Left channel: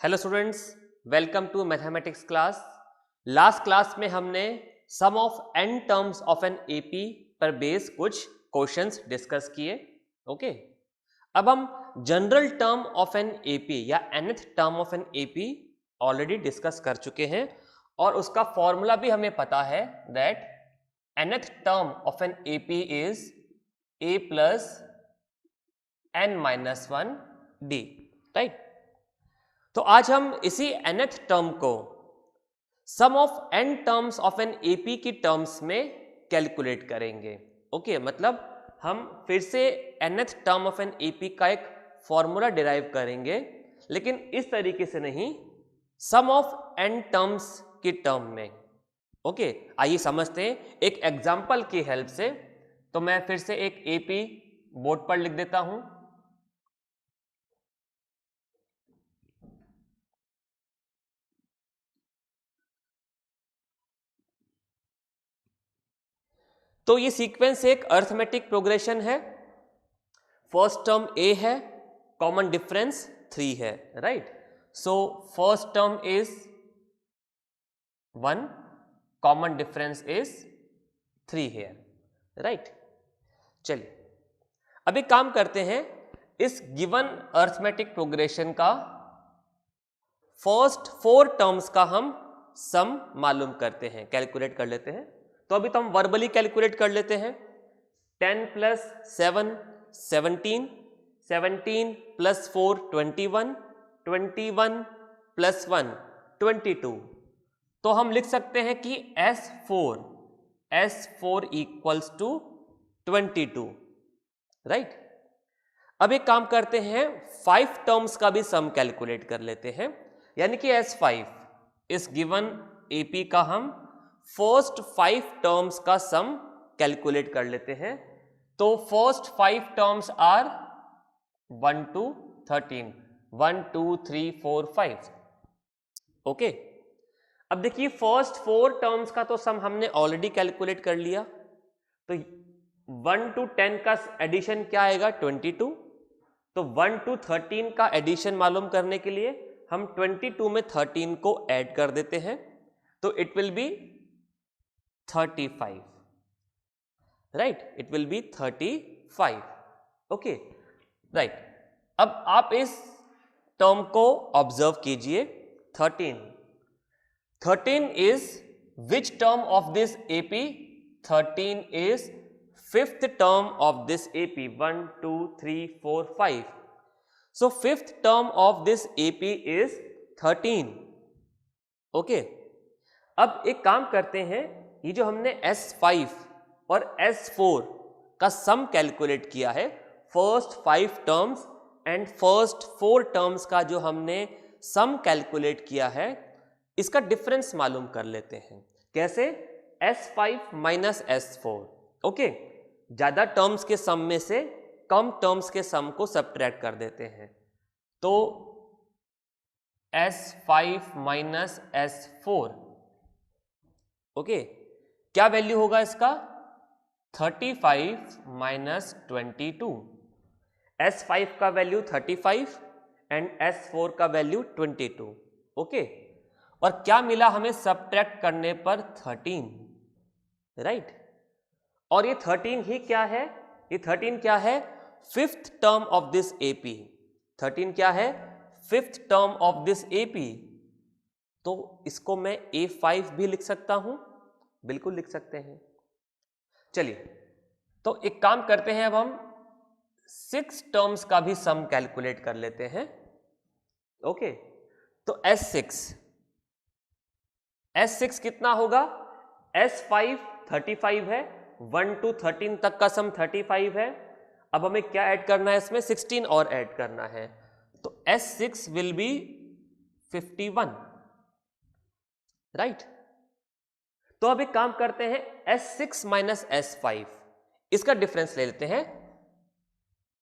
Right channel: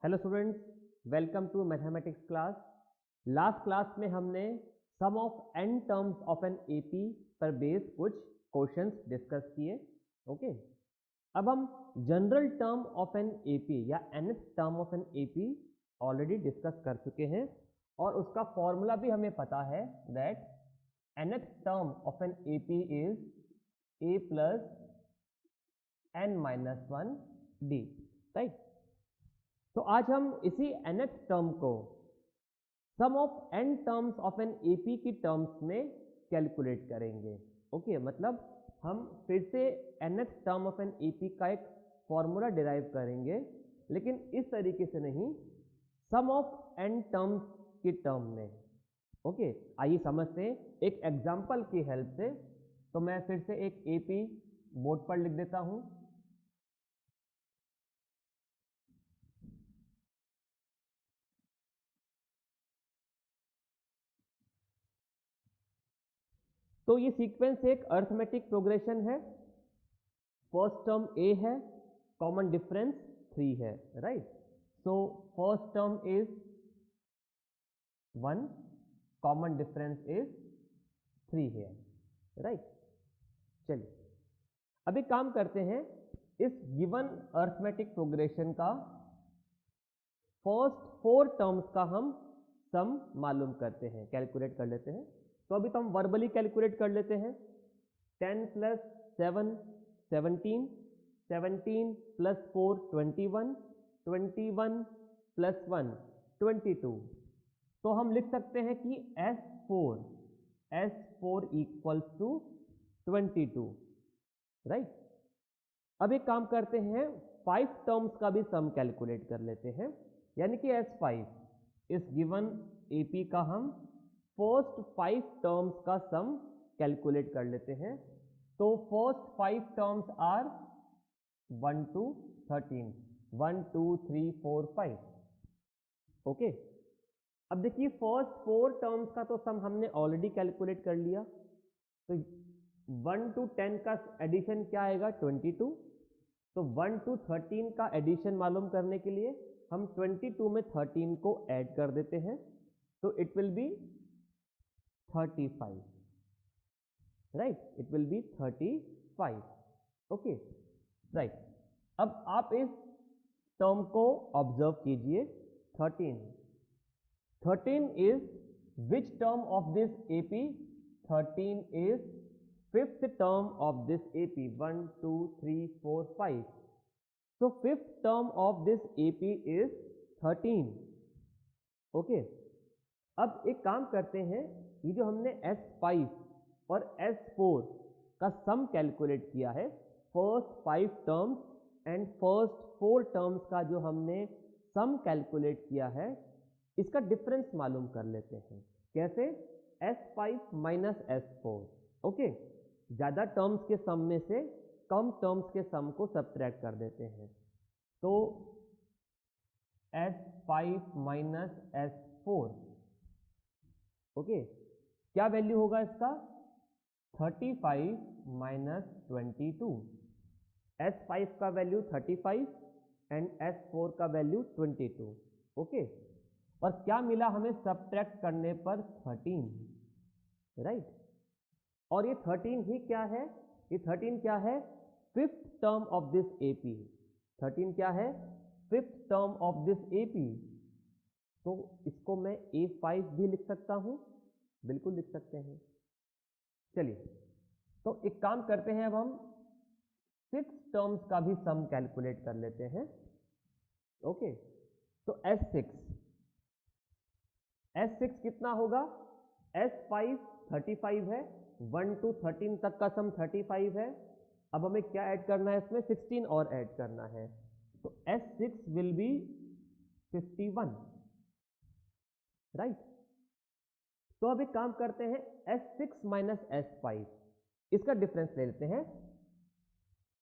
Hello students, welcome to mathematics class. Last class में हमने sum of n terms of an AP पर base कुछ questions discuss किए। Okay, अब हम general term of an AP या nth term of an AP already discuss कर चुके हैं और उसका फॉर्मूला भी हमें पता है that nth term of an AP is a plus n-1 d, right. तो आज हम इसी nth टर्म को sum of n terms of an AP की टर्म्स में कैलकुलेट करेंगे। ओके, मतलब हम फिर से nth term of an AP का एक फॉर्मूला डिराइव करेंगे, लेकिन इस तरीके से नहीं, सम ऑफ n टर्म्स की टर्म में। ओके, आइए समझते हैं एक एग्जांपल की हेल्प से। तो मैं फिर से एक एपी बोर्ड पर लिख देता हूं। तो ये सीक्वेंस एक अर्थमेटिक प्रोग्रेशन है। फर्स्ट टर्म a है, कॉमन डिफरेंस 3 है, right. So first term is 1, common difference is 3 है, राइट। चलिए अब एक काम करते हैं, इस गिवन अर्थमेटिक प्रोग्रेशन का फर्स्ट 4 टर्म्स का हम सम मालूम करते हैं, कैलकुलेट कर लेते हैं। तो अभी तो हम वर्बली कैलकुलेट कर लेते हैं। 10 प्लस 7 17, 17 प्लस 4 21, 21 प्लस 1 22। तो हम लिख सकते हैं कि S4 इक्वल्स टू 22, राइट। अब एक काम करते हैं, 5 टर्म्स का भी सम कैलकुलेट कर लेते हैं, यानी कि S5 इस गिवन एपी का हम फर्स्ट 5 टर्म्स का सम कैलकुलेट कर लेते हैं। तो first 5 terms are 1 to 13, 1 2 3 4 5। Okay, अब देखिए फर्स्ट 4 टर्म्स का तो सम हमने ऑलरेडी कैलकुलेट कर लिया। तो 1 to 10 का एडिशन क्या आएगा? 22। तो 1 to 13 का एडिशन मालूम करने के लिए हम 22 में 13 को ऐड कर देते हैं, तो it will B 35, right. It will B 35। Okay, right. अब आप इस टर्म को ऑब्जर्व कीजिए। 13 is which term of this AP? 13 is fifth term of this AP. 1 2 3 4 5। So fifth term of this AP is 13। Okay, अब एक काम करते हैं, ये जो हमने S5 और S4 का सम कैलकुलेट किया है, first 5 terms and first 4 terms का जो हमने सम कैलकुलेट किया है, इसका डिफरेंस मालूम कर लेते हैं। कैसे? S5 minus S4। ओके, ज्यादा टर्म्स के सम में से कम टर्म्स के सम को सब्ट्रैक्ट कर देते हैं। तो S5 माइनस S4, ओके, क्या वैल्यू होगा इसका? 35 माइनस 22। S5 का वैल्यू 35 एंड S4 का वैल्यू 22। ओके, और क्या मिला हमें सब्ट्रैक्ट करने पर? 13, राइट। और ये 13 ही क्या है? ये 13 क्या है? Fifth term of this AP. 13 क्या है? Fifth term of this AP. तो इसको मैं A5 भी लिख सकता हूं, बिल्कुल लिख सकते हैं। चलिए, तो एक काम करते हैं, अब हम 6 टर्म्स का भी सम कैलकुलेट कर लेते हैं। ओके, तो S6 कितना होगा? S5 35 है, 1 to 13 तक का सम 35 है। अब हमें क्या ऐड करना है इसमें? 16 और ऐड करना है। तो S6 विल बी 51, राइट। तो अब एक काम करते हैं, S6 माइनस S5, इसका डिफरेंस ले लेते हैं।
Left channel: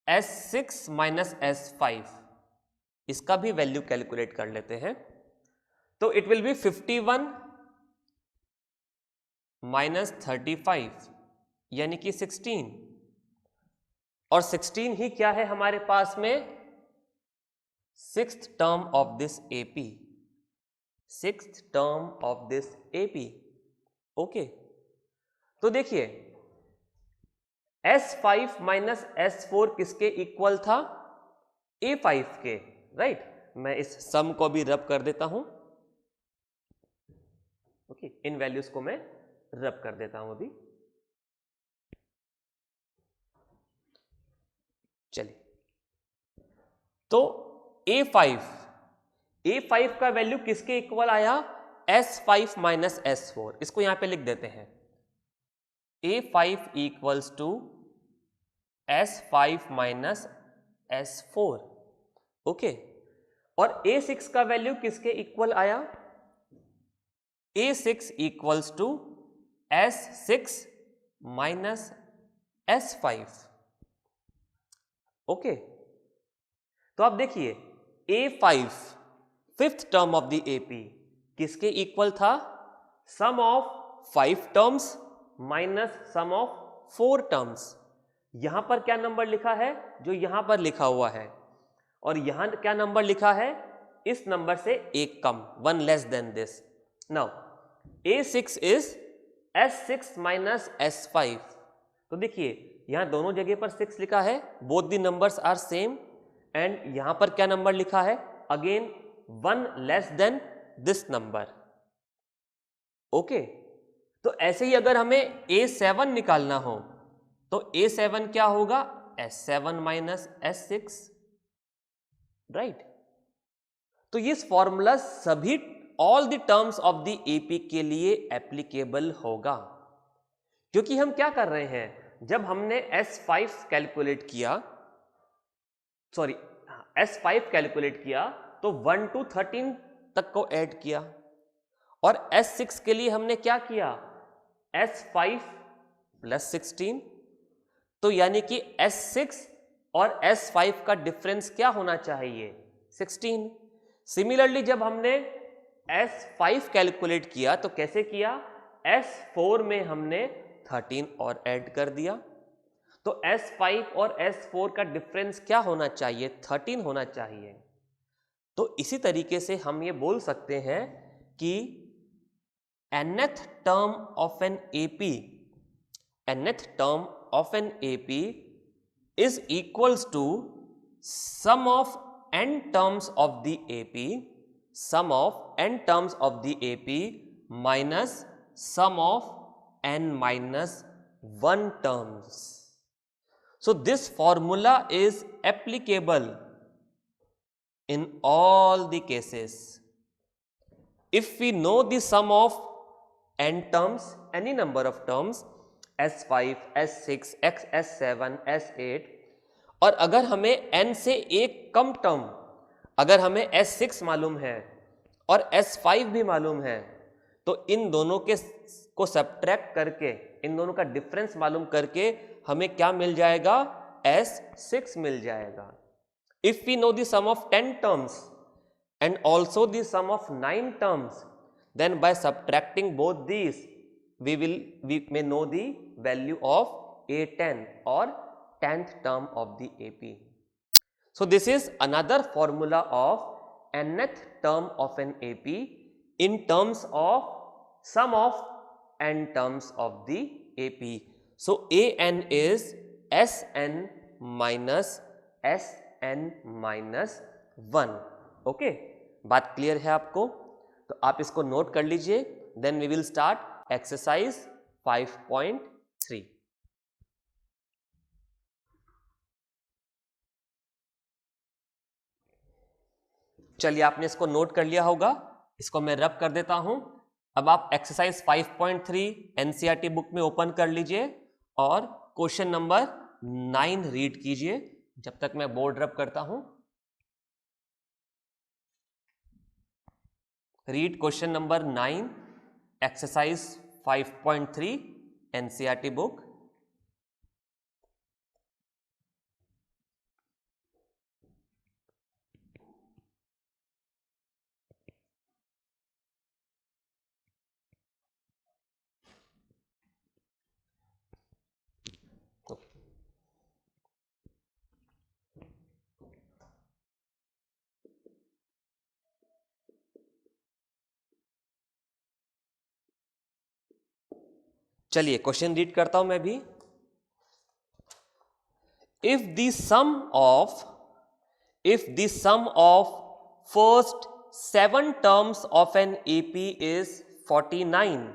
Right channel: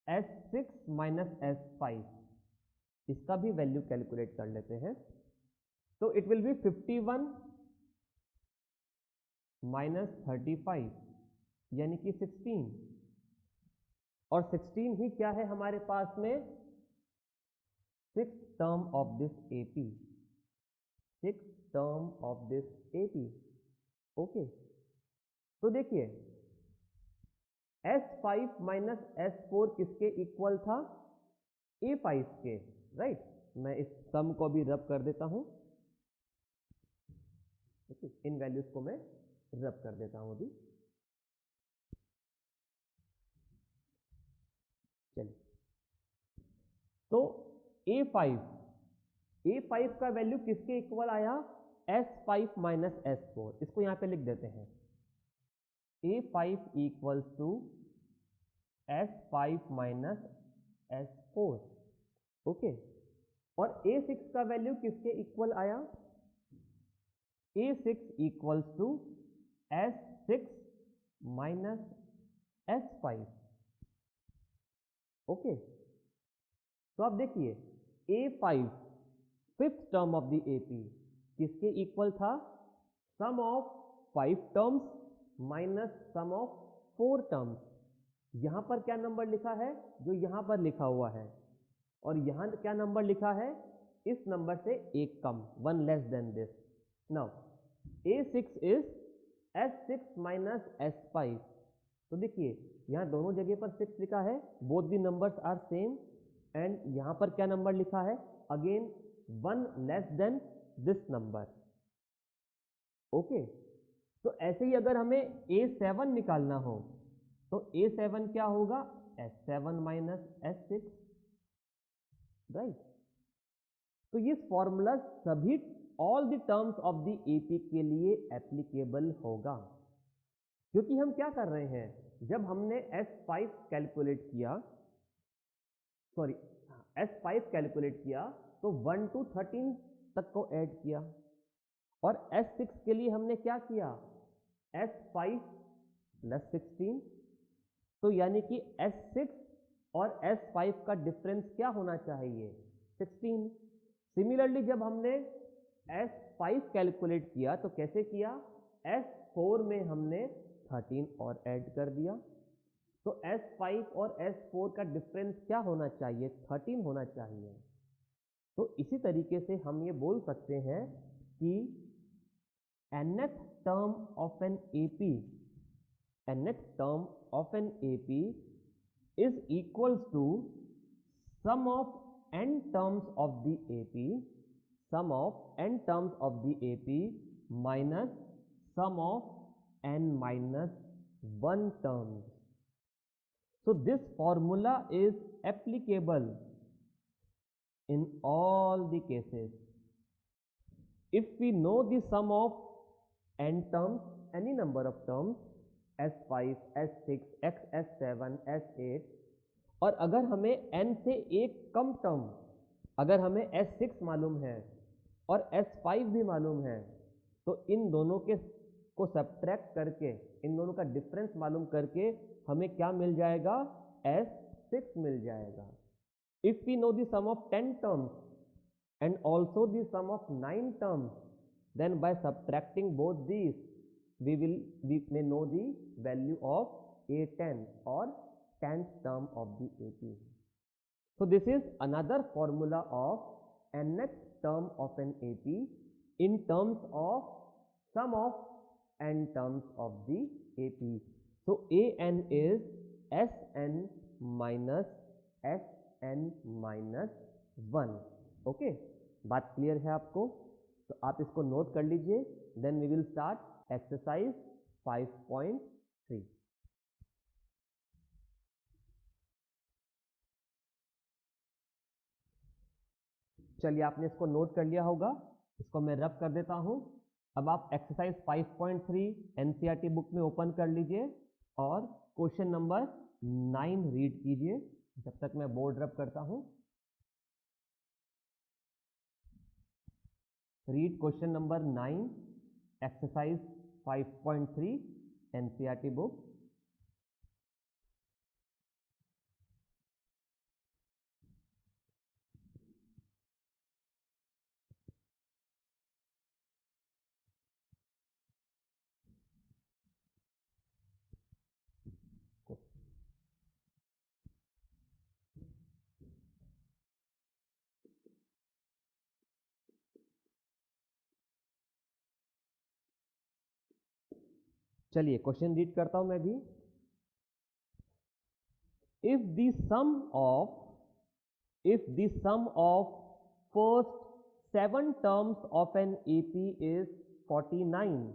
S6 माइनस S5, इसका भी वैल्यू कैलकुलेट कर लेते हैं। तो इट विल बी 51 माइनस 35, यानी कि 16। और 16 ही क्या है हमारे पास में? Sixth term of this AP, sixth term of this AP. Okay, तो देखिए S5 माइनस S4 किसके इक्वल था? A5 के, राइट। मैं इस सम को भी रब कर देता हूं। ओके, इन वैल्यूज को मैं रब कर देता हूं अभी। चलिए, तो A5 का वैल्यू किसके इक्वल आया? S5 minus S4। इसको यहां पे लिख देते हैं, A5 equals to S5 minus S4। Okay, और A6 का वैल्यू किसके इक्वल आया? A6 equals to S6 minus S5। Okay, तो आप देखिए A5 fifth term of the AP किसके इक्वल था? Sum of 5 terms minus sum of 4 terms. यहां पर क्या नंबर लिखा है? जो यहां पर लिखा हुआ है। और यहां क्या नंबर लिखा है? इस नंबर से एक कम, one less than this. Now A6 is S6 minus S5। तो देखिए यहां दोनों जगह पर 6 लिखा है, both the numbers are same. And यहां पर क्या नंबर लिखा है? Again one less than this number. Okay, तो ऐसे ही अगर हमें A7 निकालना हो तो A7 क्या होगा? S7 minus S6, right. तो ये फॉर्मूला सभी all the terms of the AP के लिए एप्लीकेबल होगा, क्योंकि हम क्या कर रहे हैं? जब हमने S5 कैलकुलेट किया, सॉरी S5 कैलकुलेट किया तो 1 to 13 तक को ऐड किया। और S6 के लिए हमने क्या किया? S5 plus 16। तो यानी कि S6 और S5 का डिफरेंस क्या होना चाहिए? 16। सिमिलरली जब हमने S5 कैलकुलेट किया तो कैसे किया? S4 में हमने 13 और ऐड कर दिया। तो S5 और S4 का डिफरेंस क्या होना चाहिए? 13 होना चाहिए। तो इसी तरीके से हम ये बोल सकते हैं कि nth term of an AP, nth term of an AP is equals to sum of n terms of the AP, sum of n terms of the AP minus sum of n minus 1 terms. So this formula is applicable in all the cases. If we know the sum of n terms, any number of terms, S5, S6, S7, S8, और अगर हमें n से एक कम term, अगर हमें S6 मालूम है और S5 भी मालूम है, तो इन दोनों के को सब्ट्रैक्ट करके, इन दोनों का डिफरेंस मालूम करके हमें क्या मिल जाएगा? S6 मिल जाएगा। If we know the sum of 10 terms and also the sum of 9 terms, then by subtracting both these we may know the value of A10 or 10th term of the AP. So this is another formula of nth term of an AP in terms of sum of n terms of the AP. So An is Sn minus Sn minus 1. Okay, बात clear है आपको? तो आप इसको note कर लीजिए। Then we will start exercise 5.3। चलिए, आपने इसको नोट कर लिया होगा, इसको मैं रब कर देता हूं। अब आप एक्सरसाइज 5.3 एनसीईआरटी बुक में ओपन कर लीजिए और क्वेश्चन नंबर 9 रीड कीजिए जब तक मैं बोर्ड रब करता हूं। Read question number 9, exercise 5.3 NCERT book. चलिए क्वेश्चन रीड करता हूं मैं भी। If the sum of first 7 terms of an AP is 49,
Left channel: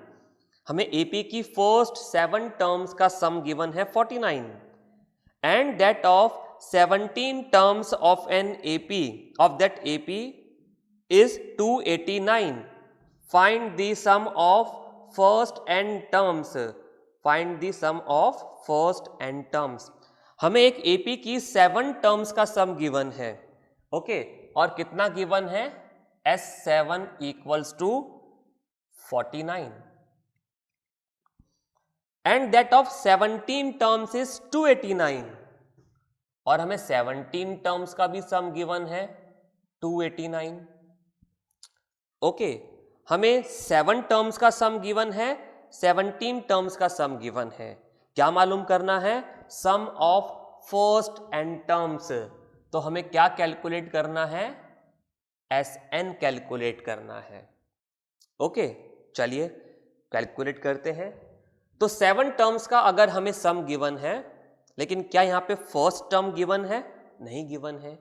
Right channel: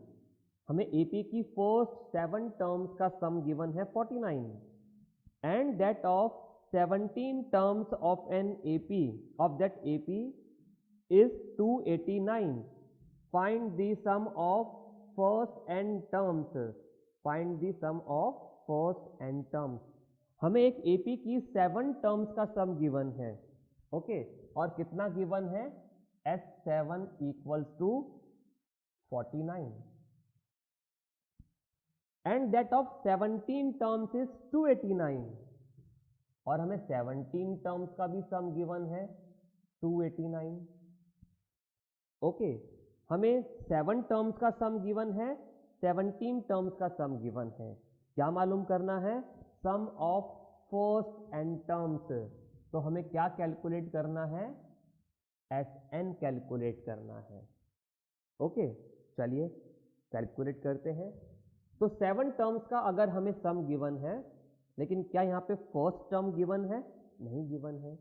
हमें एपी की फर्स्ट 7 टर्म्स का सम गिवन है 49, and that of 17 terms of an AP of that AP is 289. Find the sum of first n terms. Find the sum of first n terms. हमें एक AP की 7 terms का सम given है, okay, और कितना given है? S7 equals to 49 and that of 17 terms is 289, और हमें 17 टर्म्स का भी सम गिवन है 289। ओके, हमें 7 टर्म्स का सम गिवन है, 17 टर्म्स का सम गिवन है। क्या मालूम करना है? सम ऑफ फर्स्ट एन टर्म्स। तो हमें क्या कैलकुलेट करना है? Sn कैलकुलेट करना है। ओके, चलिए कैलकुलेट करते हैं। तो 7 टर्म्स का अगर हमें सम गिवन है, लेकिन क्या यहाँ पे फर्स्ट टर्म गिवन है? नहीं गिवन है।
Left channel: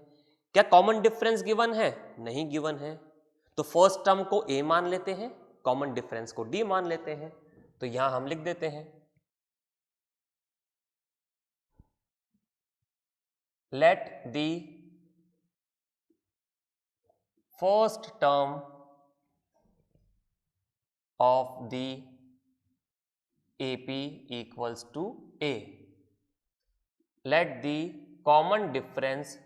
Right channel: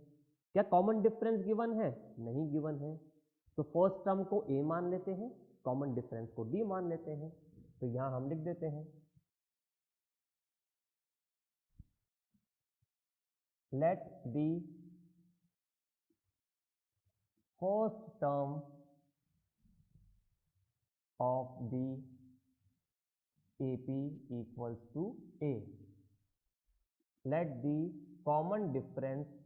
क्या कॉमन डिफरेंस गिवन है? नहीं गिवन है। तो फर्स्ट टर्म को a मान लेते हैं, कॉमन डिफरेंस को d मान लेते हैं। तो यहां हम लिख देते हैं let the first term of the AP equals to a, let the common difference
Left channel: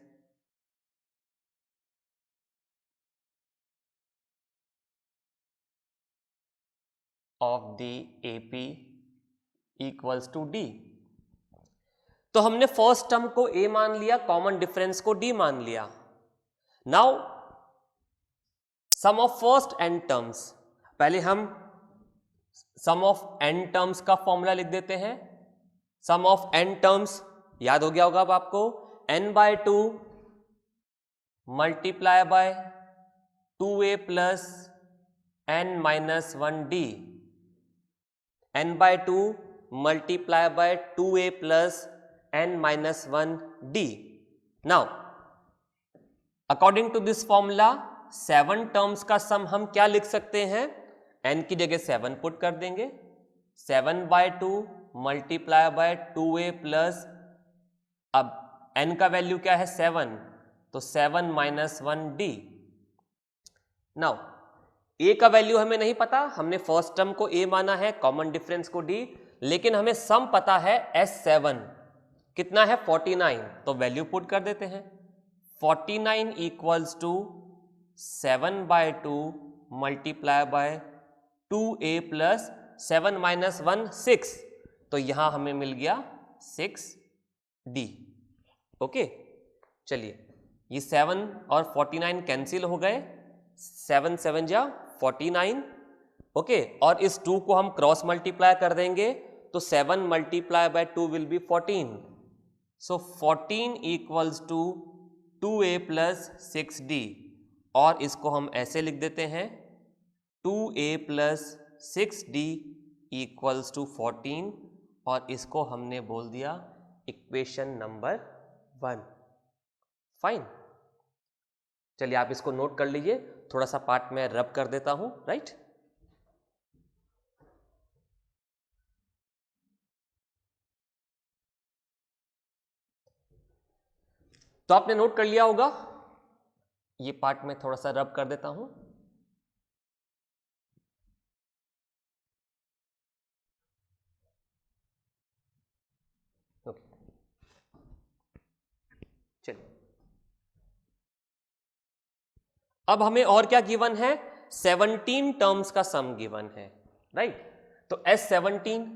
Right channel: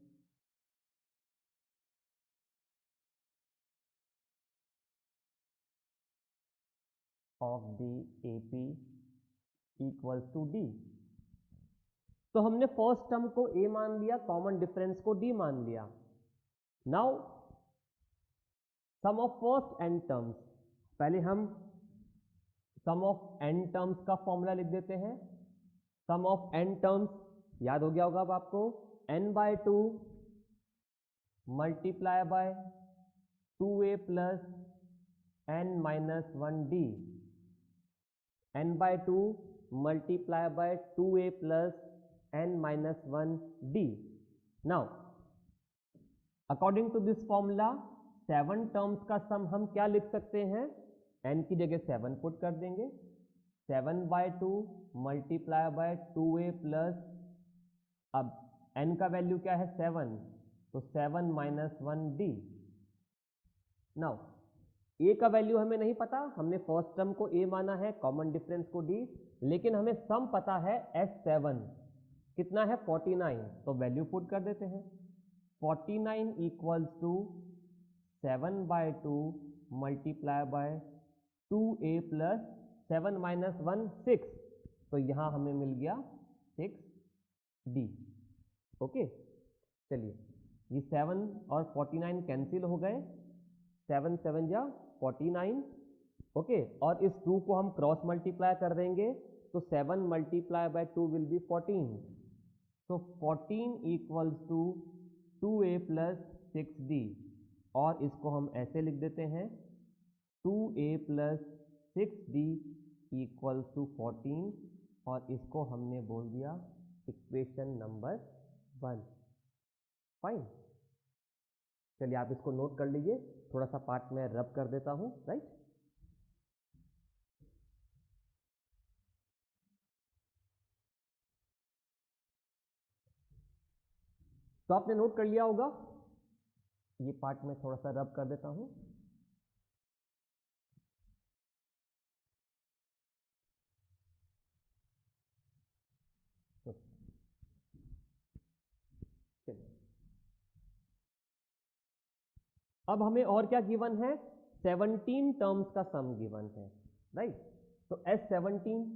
of the AP equals to d। तो हमने फर्स्ट टर्म को a मान लिया, कॉमन डिफरेंस को d मान लिया। Now sum of first n terms, पहले हम सम ऑफ n टर्म्स का फॉर्मूला लिख देते हैं। सम ऑफ n टर्म्स याद हो गया होगा अब आपको, n/2 multiply by 2a plus n-1d, n/2 multiply by 2a plus n-1d। Now according to this formula 7 terms का सम हम क्या लिख सकते हैं? n की जगह 7 पुट कर देंगे, 7/2 मल्टीप्लाई बाय 2a प्लस, अब n का वैल्यू क्या है? 7, तो 7-1d। नाउ a का वैल्यू हमें नहीं पता, हमने फर्स्ट टर्म को a माना है, कॉमन डिफरेंस को d, लेकिन हमें सम पता है S7 कितना है? 49, तो वैल्यू पुट कर देते हैं। 49 equals to 7/2 multiply by 2a plus 7-1 6, तो यहां हमें मिल गया 6d। ओके, चलिए ये 7 और 49 कैंसिल हो गए, 7 7 जा 49। ओके, और इस 2 को हम क्रॉस मल्टीप्लाई कर देंगे, तो 7 multiply by 2 will be 14, so 14 equals to 2a plus 6d, और इसको हम ऐसे लिख देते हैं 2a plus 6d equals to 14, और इसको हमने बोल दिया इक्वेशन नंबर 1। फाइन, चलिए आप इसको नोट कर लीजिए, थोड़ा सा पार्ट में रब कर देता हूं, राइट। तो आपने नोट कर लिया होगा, ये पार्ट में थोड़ा सा रब कर देता हूं। चलिए अब हमें और क्या गिवन है? 17 टर्म्स का सम गिवन है, राइट। तो S17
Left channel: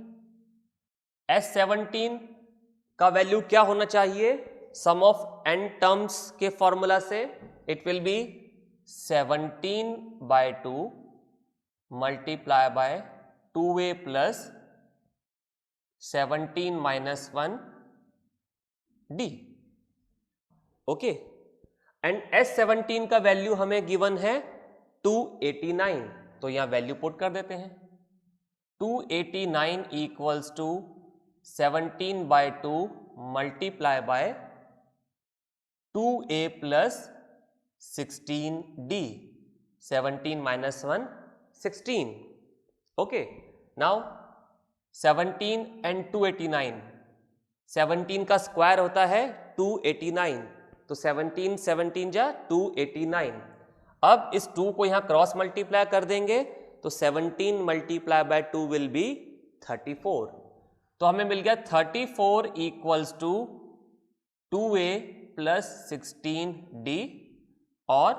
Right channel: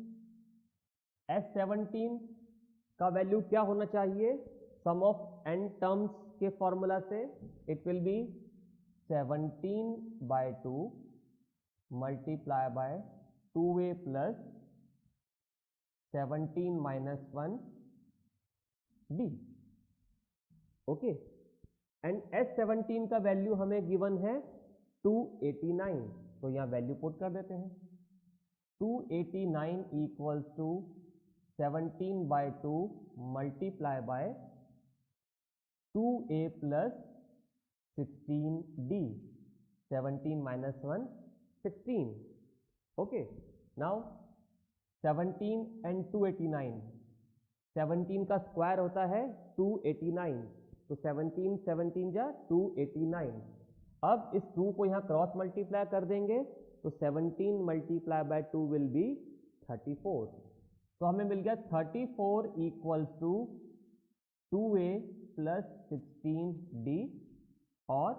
का वैल्यू क्या होना चाहिए? सम ऑफ n टर्म्स के फॉर्मूला से it will B 17/2 multiply by 2a plus 17-1d। Okay, and S17 का वैल्यू हमें गिवन है 289, तो यहां वैल्यू पुट कर देते हैं। 289 equals to 17/2 multiply by 2a plus 16d. 17 minus 1 16. Okay, now 17 and 289. 17 का स्क्वायर होता है 289, तो 17 17 जा 289. अब इस 2 को यहां क्रॉस मल्टीप्लाई कर देंगे तो 17 मल्टीप्लाई बाय 2 विल बी 34. तो हमें मिल गया 34 equals to 2a plus 16d. और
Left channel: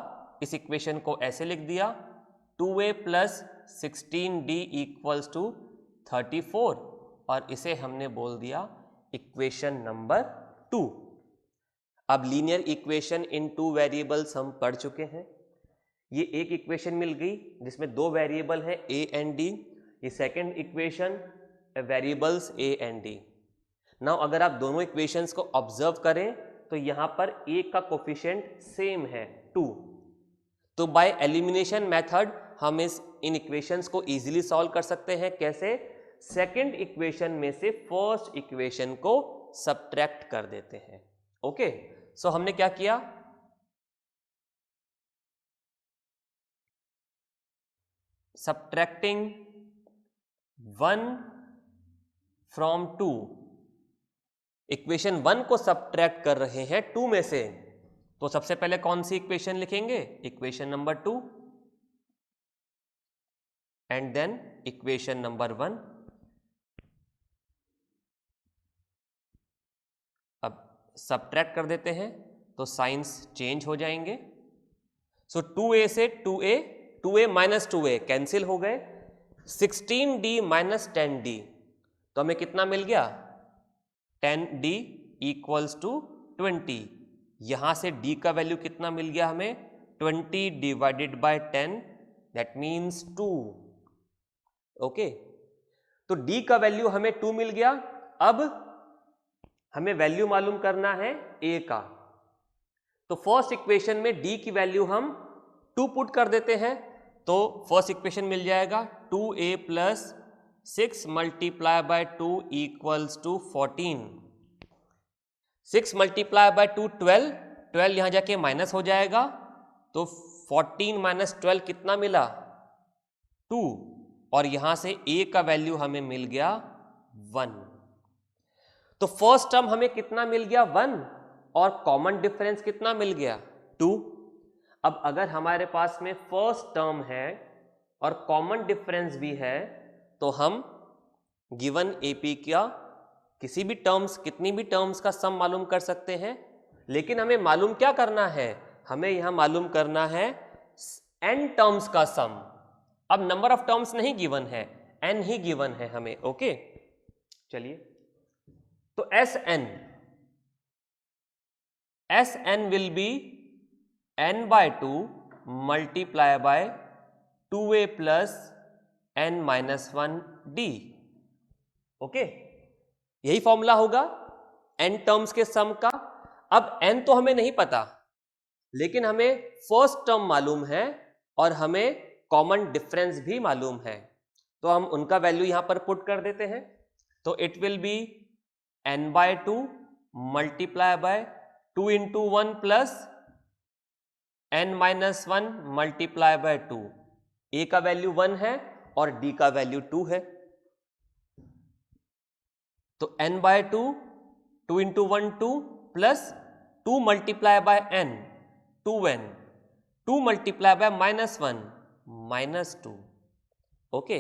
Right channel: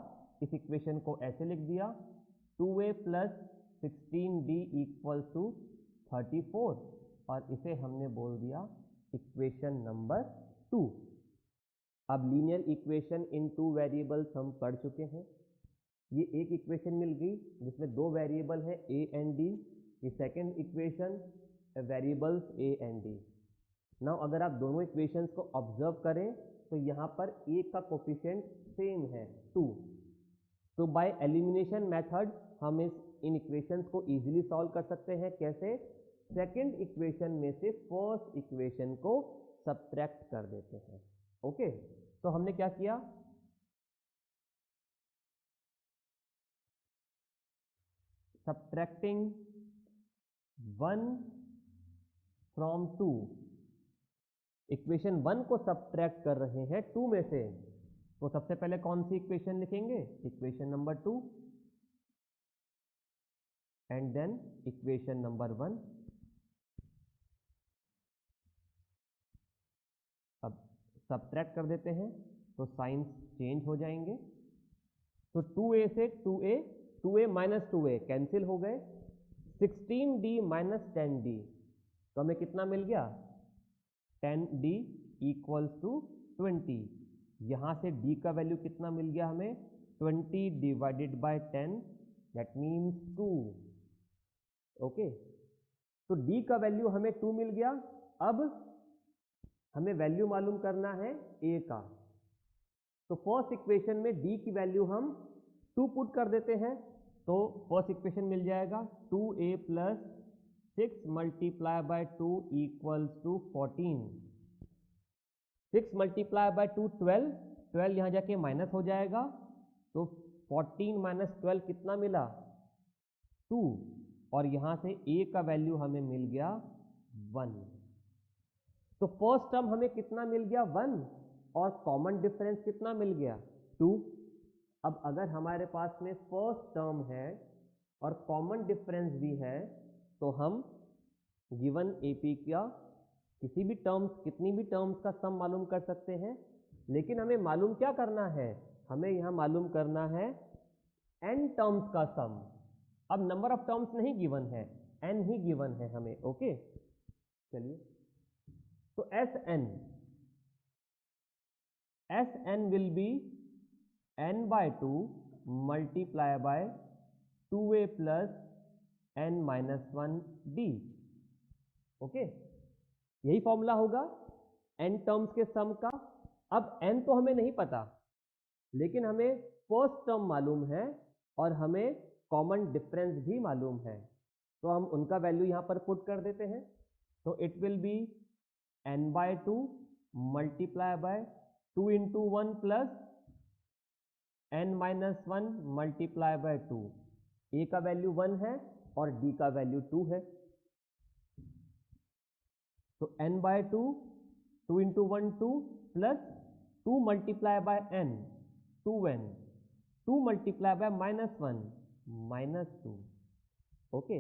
इस इक्वेशन को ऐसे लिख दिया 2a plus 16d equals to 34, और इसे हमने बोल दिया इक्वेशन नंबर 2. अब लीनियर इक्वेशन इन 2 वेरिएबल्स हम पढ़ चुके हैं. ये एक इक्वेशन मिल गई जिसमें 2 वेरिएबल है a एंड d. ये second equation variables a and d. Now अगर आप दोनों इक्वेशंस को ऑब्जर्व करें तो यहां पर a का कोफिशिएंट सेम है 2. तो बाय एलिमिनेशन मेथड हम इन इक्वेशंस को इजीली सॉल्व कर सकते हैं. कैसे? सेकंड इक्वेशन में से फर्स्ट इक्वेशन को सब्ट्रैक्ट कर देते हैं. ओके, सो हमने क्या किया, सब्ट्रैक्टिंग 1 फ्रॉम 2. इक्वेशन 1 को सब्ट्रैक्ट कर रहे हैं 2 में से, तो सबसे पहले कौन सी इक्वेशन लिखेंगे? Equation number 2, and then equation number 1. अब सब्ट्रैक्ट कर देते हैं तो साइंस चेंज हो जाएंगे. सो 2a से 2a माइनस 2a कैंसिल हो गए. 16d माइनस 10d, तो हमें कितना मिल गया? 10d equals to 20. यहां से d का वैल्यू कितना मिल गया हमें? 20 divided by 10, that means 2. Okay, तो d का वैल्यू हमें 2 मिल गया. अब हमें वैल्यू मालूम करना है a का. तो फर्स्ट इक्वेशन में d की वैल्यू हम 2 पुट कर देते हैं, तो फर्स्ट इक्वेशन मिल जाएगा 2a plus 6 multiply by 2 equals to 14. 6 multiply by 2 12. 12 यहां जाके माइनस हो जाएगा, तो 14 माइनस 12 कितना मिला? 2. और यहां से a का वैल्यू हमें मिल गया 1. तो फर्स्ट टर्म हमें कितना मिल गया? 1. और कॉमन डिफरेंस कितना मिल गया? 2. अब अगर हमारे पास में फर्स्ट टर्म है और कॉमन डिफरेंस भी है, तो हम गिवन AP का किसी भी टर्म्स, कितनी भी टर्म्स का सम मालूम कर सकते हैं. लेकिन हमें मालूम क्या करना है? हमें यहां मालूम करना है n टर्म्स का सम. अब नंबर ऑफ टर्म्स नहीं गिवन है, n ही गिवन है हमें. ओके, चलिए, तो Sn will be n by 2 multiply by 2a plus n minus 1d. Okay, यही फॉर्मूला होगा n टर्म्स के सम का. अब n तो हमें नहीं पता, लेकिन हमें फर्स्ट टर्म मालूम है और हमें कॉमन डिफरेंस भी मालूम है, तो हम उनका वैल्यू यहां पर पुट कर देते हैं. तो it will be n by 2 multiply by 2 into 1 plus n minus 1 multiply by 2. a का वैल्यू 1 है और d का वैल्यू 2 है, तो n by 2, 2 into 1 2 plus 2 multiply by n 2n, 2 multiply by minus 1 minus 2. Okay,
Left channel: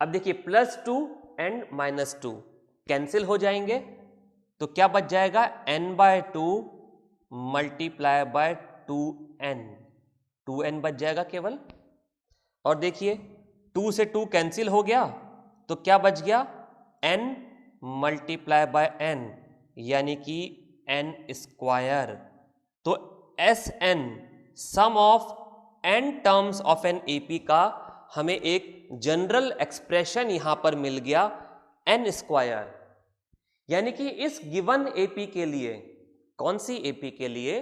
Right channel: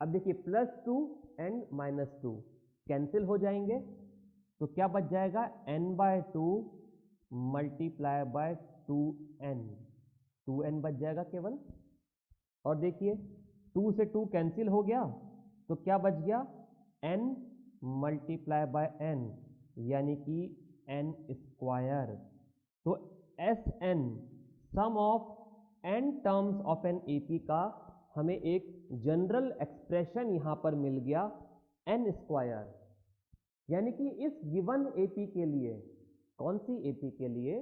अब देखिए प्लस 2 एंड माइनस 2 कैंसिल हो जाएंगे, तो क्या बच जाएगा? n by 2 multiply bye 2n, 2n बच जाएगा केवल. और देखिए 2 से 2 कैंसिल हो गया, तो क्या बच गया? n मल्टीप्लाई बाय n, यानी कि n स्क्वायर. तो Sn sum of n terms of an AP का हमें एक जनरल एक्सप्रेशन यहां पर मिल गया n स्क्वायर. यानी कि इस गिवन AP के लिए, कौन सी AP के लिए?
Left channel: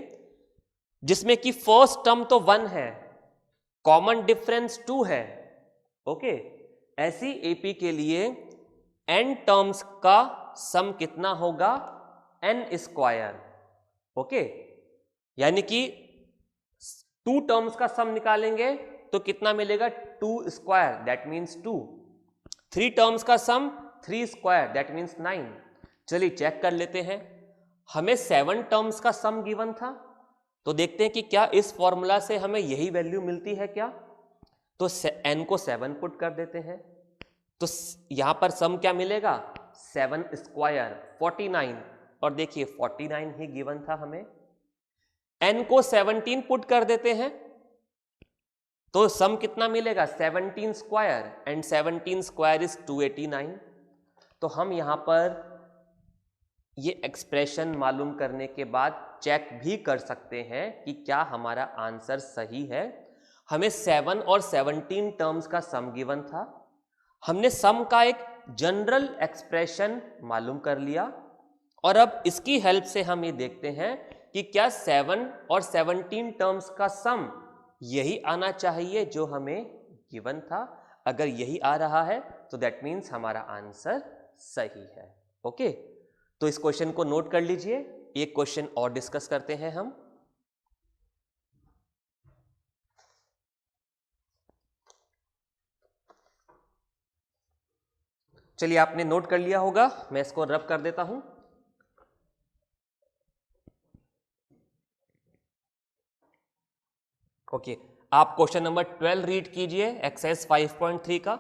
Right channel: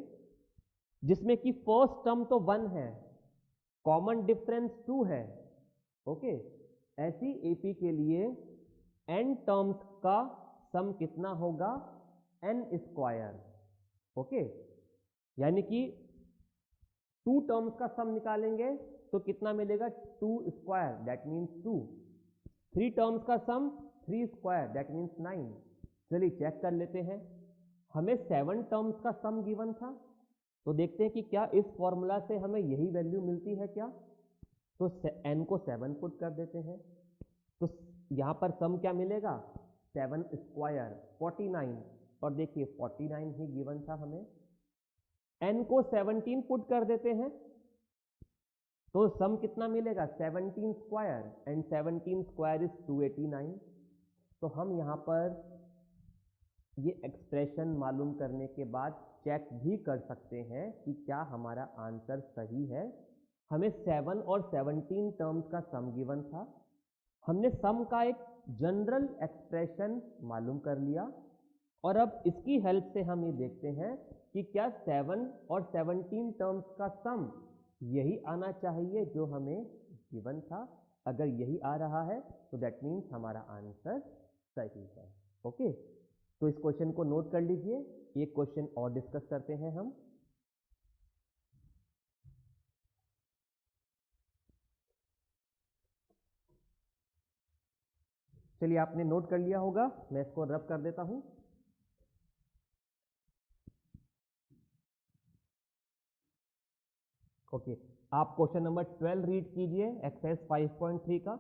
जिसमें कि फर्स्ट टर्म तो 1 है, कॉमन डिफरेंस 2 है. ओके, ऐसी एपी के लिए n टर्म्स का सम कितना होगा, n स्क्वायर। ओके, यानी कि 2 टर्म्स का सम निकालेंगे तो कितना मिलेगा, 2 स्क्वायर, दैट मीन्स 2। 3 टर्म्स का सम 3 स्क्वायर, दैट मीन्स 9। चलिए चेक कर लेते हैं, हमें 7 टर्म्स का सम गिवन था, तो देखते हैं कि क्या इस फॉर्मूला से हमें यही वैल्यू मिलती है क्या। तो n को 7 पुट कर देते हैं, तो यहां पर सम क्या मिलेगा, 7 स्क्वायर 49, और देखिए 49 ही गिवन था हमें। n को 17 पुट कर देते हैं तो सम कितना मिलेगा, 17 स्क्वायर, एंड 17 स्क्वायर इज 289। तो हम यहां पर ये एक्सप्रेशन मालूम करने के बाद चेक भी कर सकते हैं कि क्या हमारा आंसर सही है। हमें 7 और 17 टर्म्स का सम गिवन था, हमने सम का एक जनरल एक्सप्रेशन मालूम कर लिया, और अब इसकी हेल्प से हम ये देखते हैं कि क्या 7 और 17 टर्म्स का सम यही आना चाहिए जो हमें गिवन था। अगर यही आ रहा है तो दैट मीन्स हमारा आंसर सही है। ओके, तो इस क्वेश्चन को नोट कर लीजिए, एक क्वेश्चन और डिस्कस करते हैं हम। चलिए, आपने नोट कर लिया होगा, मैं इसको रब कर देता हूं। ओके, आप क्वेश्चन नंबर 12 रीड कीजिए, एक्सरसाइज 5.3 का।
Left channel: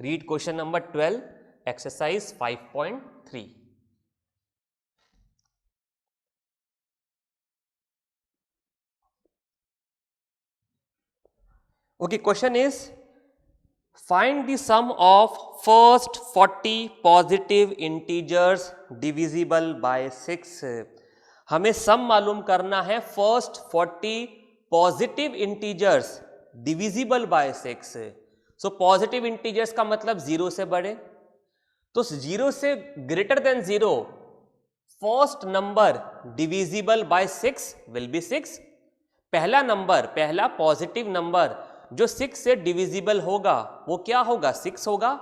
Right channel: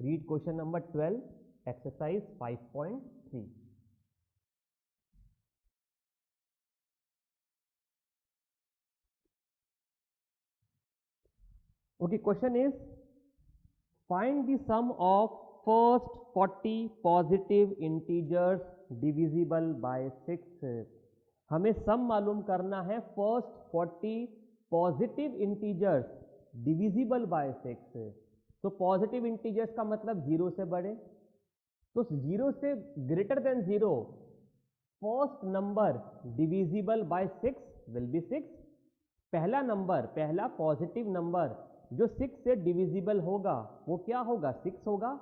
Read question number 12, exercise 5.3। Okay, question is, find the sum of first 40 positive integers divisible by 6। हमें सम मालूम करना है first 40 positive integers divisible by 6। So positive integers का मतलब 0 से बड़े, तो 0 से greater than 0 first number divisible by 6 will be 6। पहला नंबर, पहला पॉजिटिव नंबर जो 6 से डिविजिबल होगा वो क्या होगा, 6 होगा।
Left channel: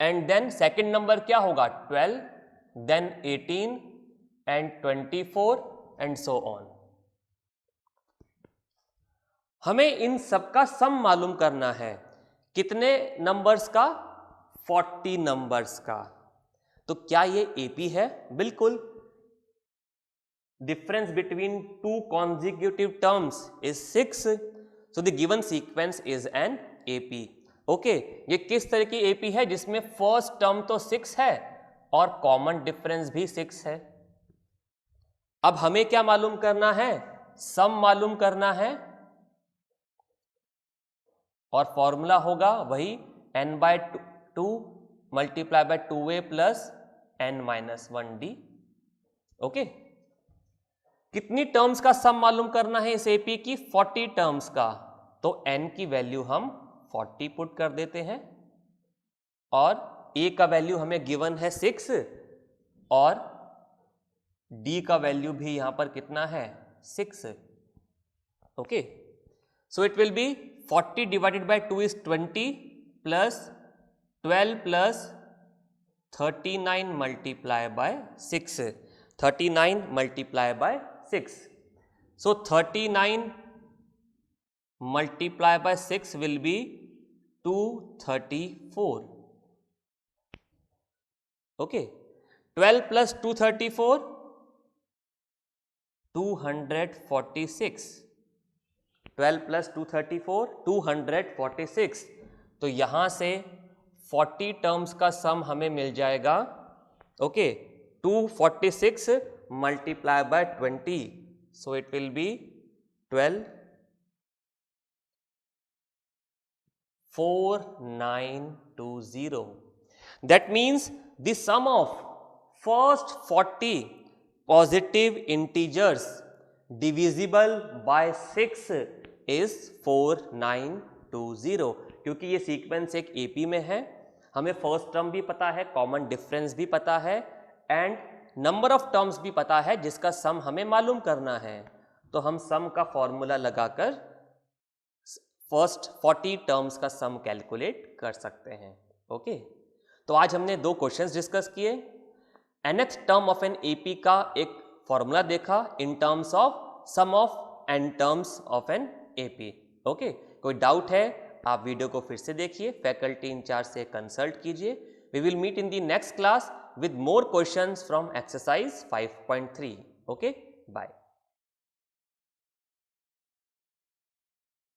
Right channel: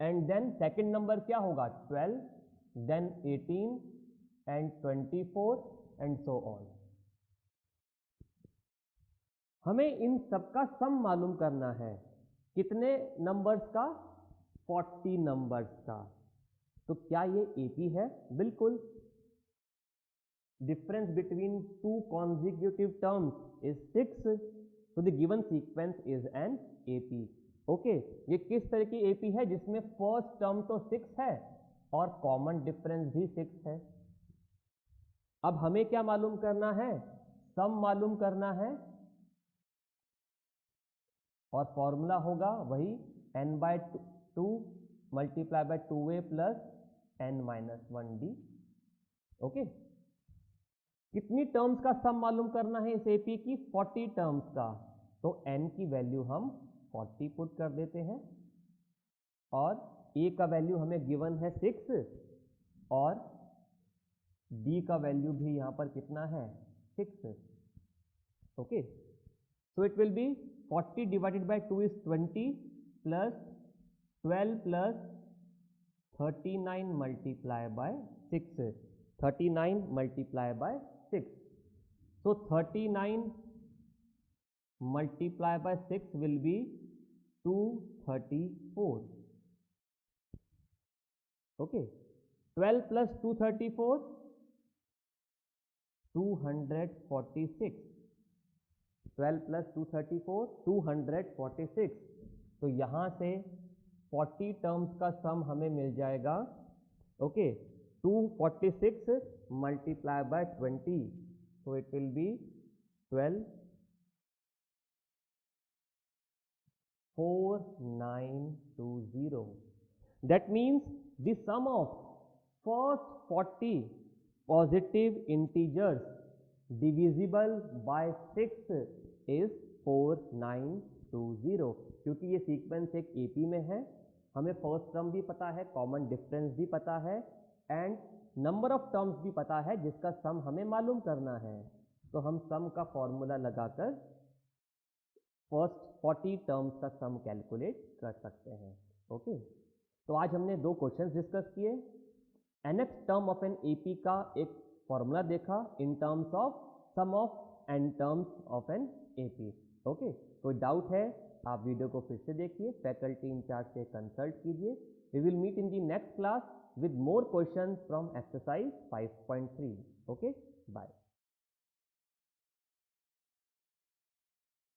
एंड देन सेकंड नंबर क्या होगा, 12, then 18 and 24 and so on. हमें इन सबका सम मालूम करना है, कितने नंबर्स का, 40 नंबर्स का। तो क्या ये एपी है, बिल्कुल। difference between two consecutive terms is 6, so the given sequence is an AP। Okay, ये किस तरह की AP है, जिसमें फर्स्ट टर्म तो 6 है और कॉमन डिफरेंस भी 6 है। अब हमें क्या मालूम करना है, सम मालूम करना है, और फॉर्मूला होगा वही n/2 multiply by 2a plus n-1d। Okay, कितनी टर्म्स का सम मालूम करना है इस एपी की, 40 टर्म्स का। तो n की वैल्यू हम 40 पुट कर देते हैं, और a का वैल्यू हमें गिवन है 6, और d का वैल्यू भी यहां पर कितना है, 6। Okay, so it will B 40 divided by 2 is 20 plus 12 plus 39 multiply by 6, 39 multiply by 6। So 39 multiplied by 6 will be 234. Okay, 12 plus 234, 246। 12 plus 234, 246। तो यहां से 40 टर्म्स का सम हमें मिल जाएगा। Okay, 246 multiply by 20, so it will be 12, 4920। That means the sum of first 40 positive integers divisible by 6 is 4920। क्योंकि ये sequence एक AP में है, हमें फर्स्ट टर्म भी पता है, कॉमन डिफरेंस भी पता है एंड नंबर ऑफ टर्म्स भी पता है जिसका सम हमें मालूम करना है। तो हम सम का फॉर्मूला लगाकर फर्स्ट 40 टर्म्स का सम कैलकुलेट कर सकते हैं। ओके, तो आज हमने 2 क्वेश्चंस डिस्कस किए। nth term of an AP का एक फॉर्मूला देखा in terms of sum of n terms of an AP. Okay, कोई डाउट है आप वीडियो को फिर से देखिए, फैकल्टी इंचार्ज से कंसल्ट कीजिए। We will meet in the next class with more questions from exercise 5.3. Okay, bye.